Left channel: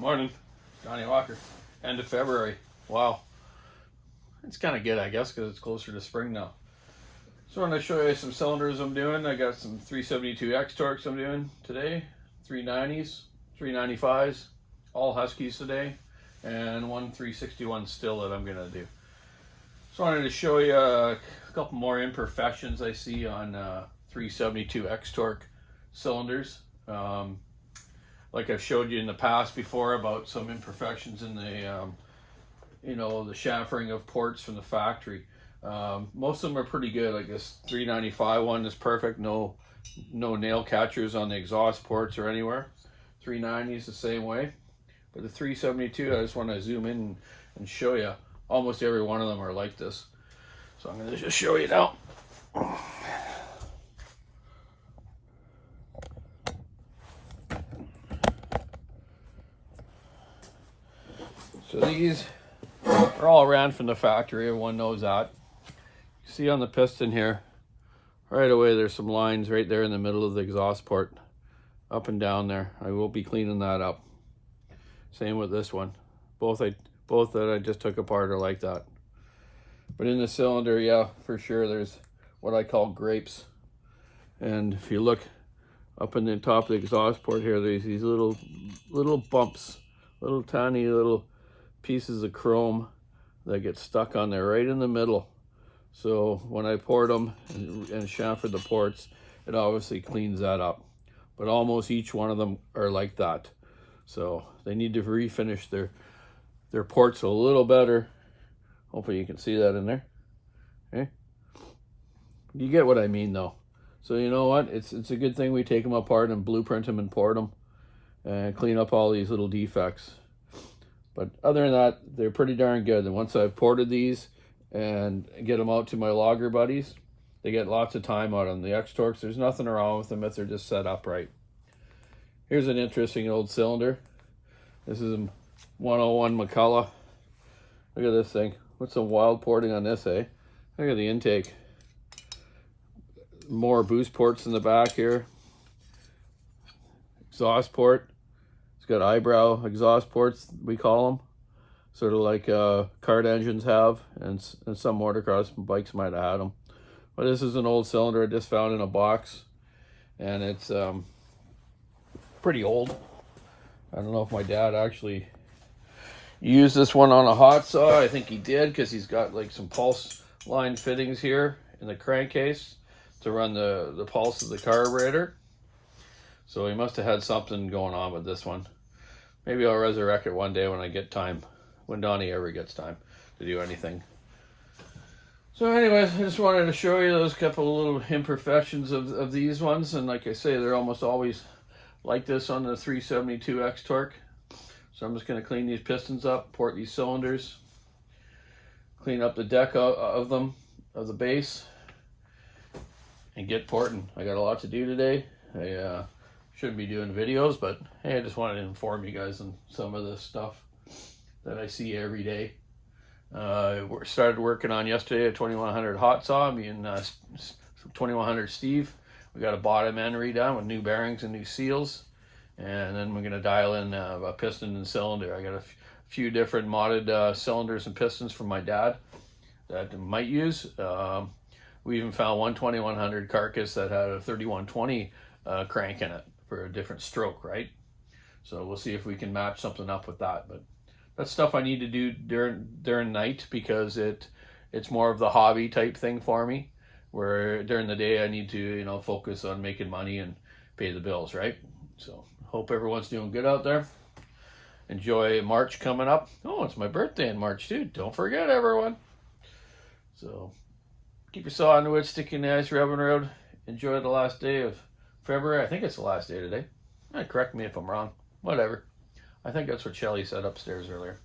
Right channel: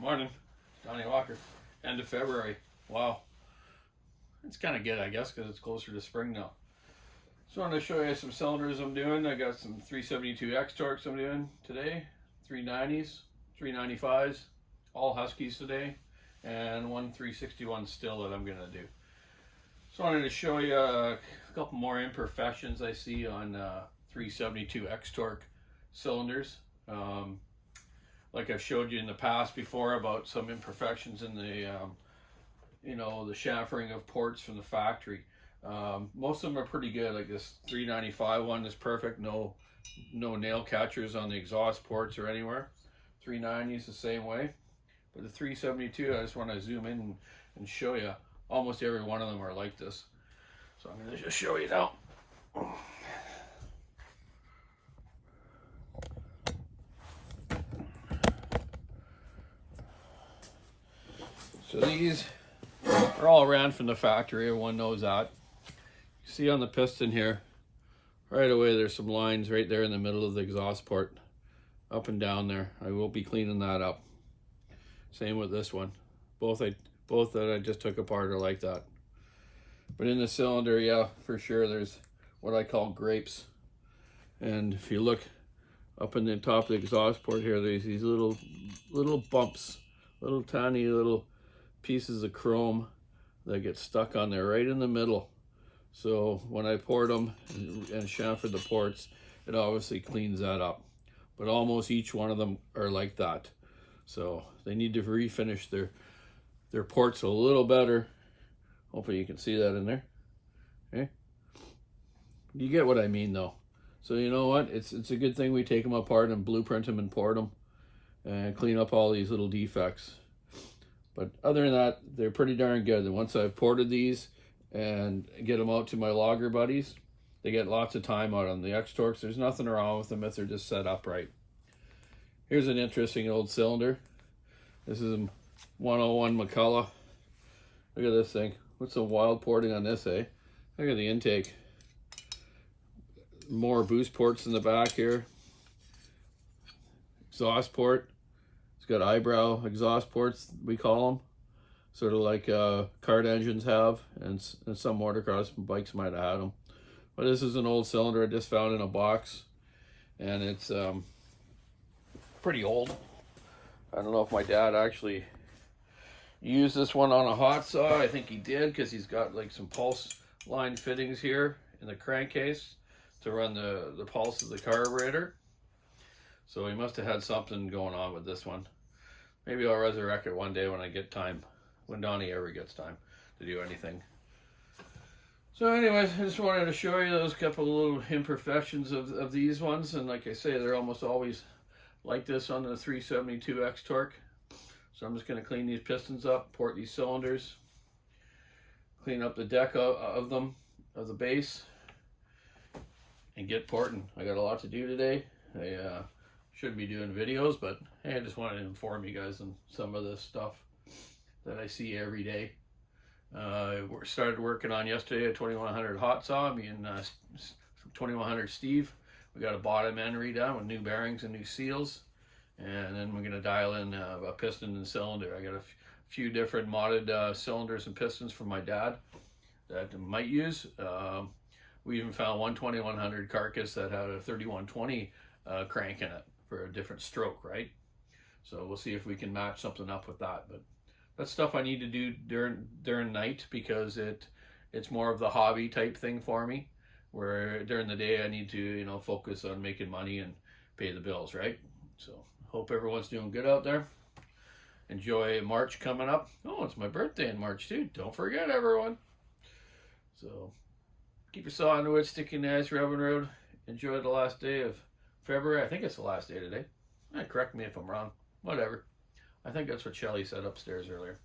Morning, Johnny Walker. End of February. Wow. It's kind of good, I guess, because it's closer to spring now. So I'm going to show you some cylinders I'm doing. I got some 372 X-Torques I'm doing today, 390s, 395s, all Huskies today, and one 361 still that I'm going to do. So I wanted to show you a couple more imperfections I see on 372 X-Torque cylinders. Like I've showed you in the past before about some imperfections in the the chamfering of ports from the factory. Most of them are pretty good. Like this 395 one is perfect. No nail catchers on the exhaust ports or anywhere. 390 is the same way. But the 372, I just want to zoom in and show you. Almost every one of them are like this. So I'm going to just show you now. So these are all ran from the factory, everyone knows that. You see on the piston here, right away there's some lines right there in the middle of the exhaust port, up and down there. I will be cleaning that up. Same with this one. Both that I just took apart are like that. But in the cylinder, yeah, for sure, there's what I call grapes. And if you look up in the top of the exhaust port here, there's these little bumps, little tiny little pieces of chrome that get stuck on there right in the middle. So when I poured them and chamfered the ports, it obviously cleans that up. But almost each one of them are like that. So they need to refinish their ports a little better. Hopefully you can see that in there. Okay, you get what I mean though. So you know what? It's a good thing we take them apart and blueprint them and port them and clean up all these little defects. But other than that, they're pretty darn good. And once I've ported these and get them out to my logger buddies, they get lots of time out on the X-Torques. There's nothing wrong with them if they're just set up right. Here's an interesting old cylinder. This is a 101 McCullough. Look at this thing. What's some wild porting on this, eh? Look at the intake. More boost ports in the back here. Exhaust port. Got eyebrow exhaust ports, we call them, sort of like kart engines have, and some motocross bikes might have had them. But this is an old cylinder I just found in a box, and it's pretty old. I don't know if my dad actually used this one on a hot saw. I think he did, because he's got like some pulse line fittings here in the crankcase to run the pulse of the carburetor. So he must have had something going on with this one. Maybe I'll resurrect it one day when I get time, when Donnie ever gets time to do anything. So anyways, I just wanted to show you those couple of little imperfections of these ones. And like I say, they're almost always like this on the 372 X-Torque. So I'm just going to clean these pistons up, port these cylinders, clean up the deck of them, of the base, and get porting. I got a lot to do today. I shouldn't be doing videos, but hey, I just wanted to inform you guys on some of this stuff that I see every day. Started working on yesterday a 2100 hot saw. Me and 2100 Steve. We got a bottom end redone with new bearings and new seals, and then we're gonna dial in a piston and cylinder. I got a few different modded cylinders and pistons from my dad that I might use. We even found one 2100 carcass that had a 3120 crank in it for a different stroke, right? So we'll see if we can match something up with that. But that's stuff I need to do during night, because it's more of the hobby type thing for me, where during the day I need to focus on making money and pay the bills, right? So hope everyone's doing good out there. Enjoy March coming up. Oh, it's my birthday in March too. Don't forget, everyone. So keep your saw on the wood, stick in the ice, rubbing road. Enjoy the last day of February. I think it's the last day today. Correct me if I'm wrong. Whatever. I think that's what Shelly said upstairs earlier.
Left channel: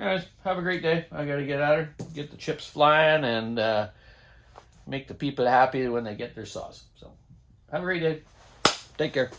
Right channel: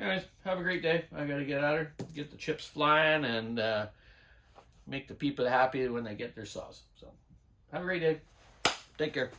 Anyways, have a great day. I gotta get at her, get the chips flying, and make the people happy when they get their saws. So have a great day. Take care.